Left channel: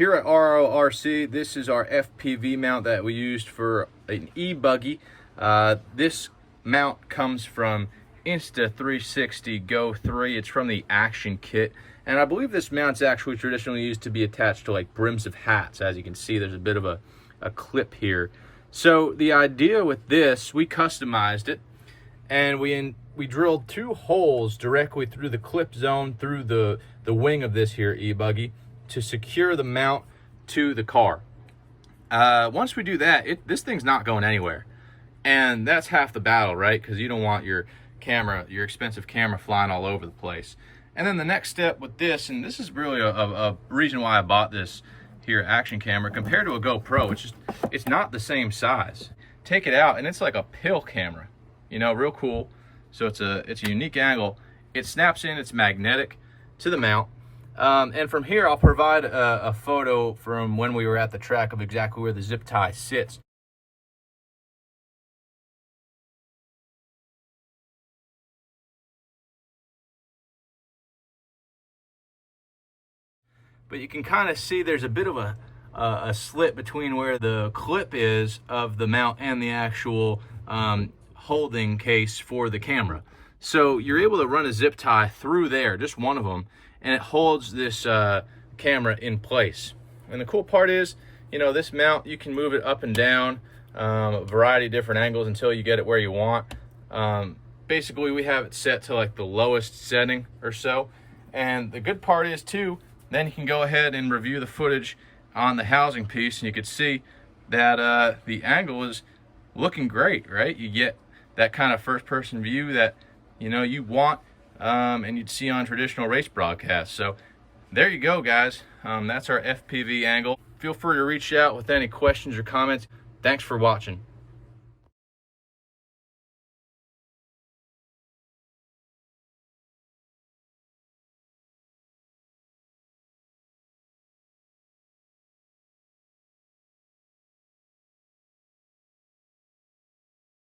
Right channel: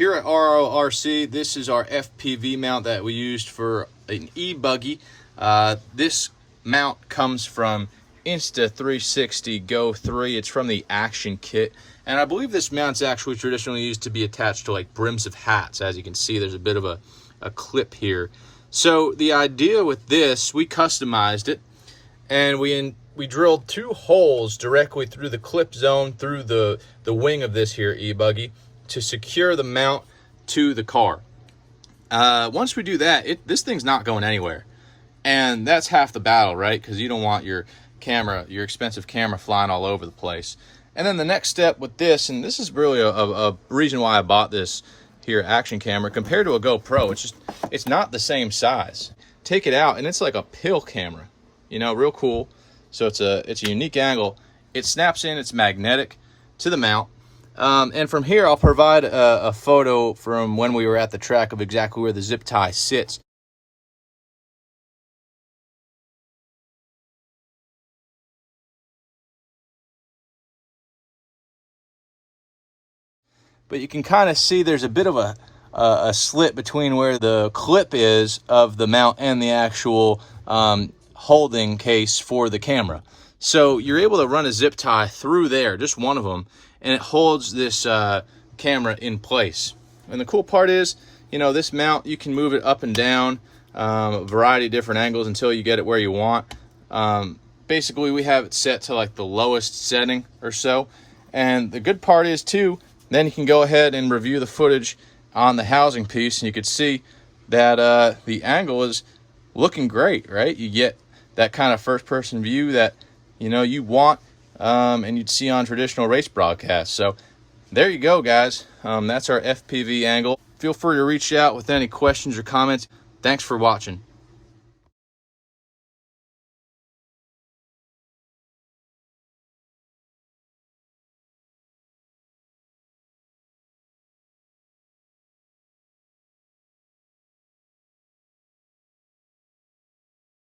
Here at RRLRC, this is our FPV mount that we used for an e-buggy. This mount comes from Insta360 GO 3. It's from the Action Kit. And I believe this mount's actually traditionally used to be attached to like brims of hats. As you can see, there's a bit of a clip here. So the idea with this, we customized it, and we drilled 2 holes directly through the clip zone through the wing of this here e-buggy to secure the mount to the car. Once we do that, this thing's not going anywhere. And that's half the battle, right? Because you don't want your expensive camera flying all over the place. And then the next step with this, and this is really a reason why I bought this here action camera compared to a GoPro, it's not the same size. Take it out and it's like a pill camera, you know, real cool. So it's a unique angle. It snaps in, it's magnetic to the mount. And from here, I'll provide a photo from when we were at the track of exactly where the zip tie sits. But you can kind of see there's a bit of a slit between where the clip is of the mount and the actual holding case for the camera. So you're able to run a zip tie through there, just one of them, and it holds this camera in place. And the cool part is, you know, this mount, you can move it up and down, a variety of different angles until you get it where you want. Basically, we have it set to like the lowest setting or so. And the good part is too, then you can go ahead and review the footage on the housing piece, and you could see that the angle is looking great, right? You get that kind of first-person view that, you know, you want and you'd see on traditional race broadcasts. So there you go, guys. That's our FPV angle. Feel free to reach out with any questions or comments. Thanks for watching.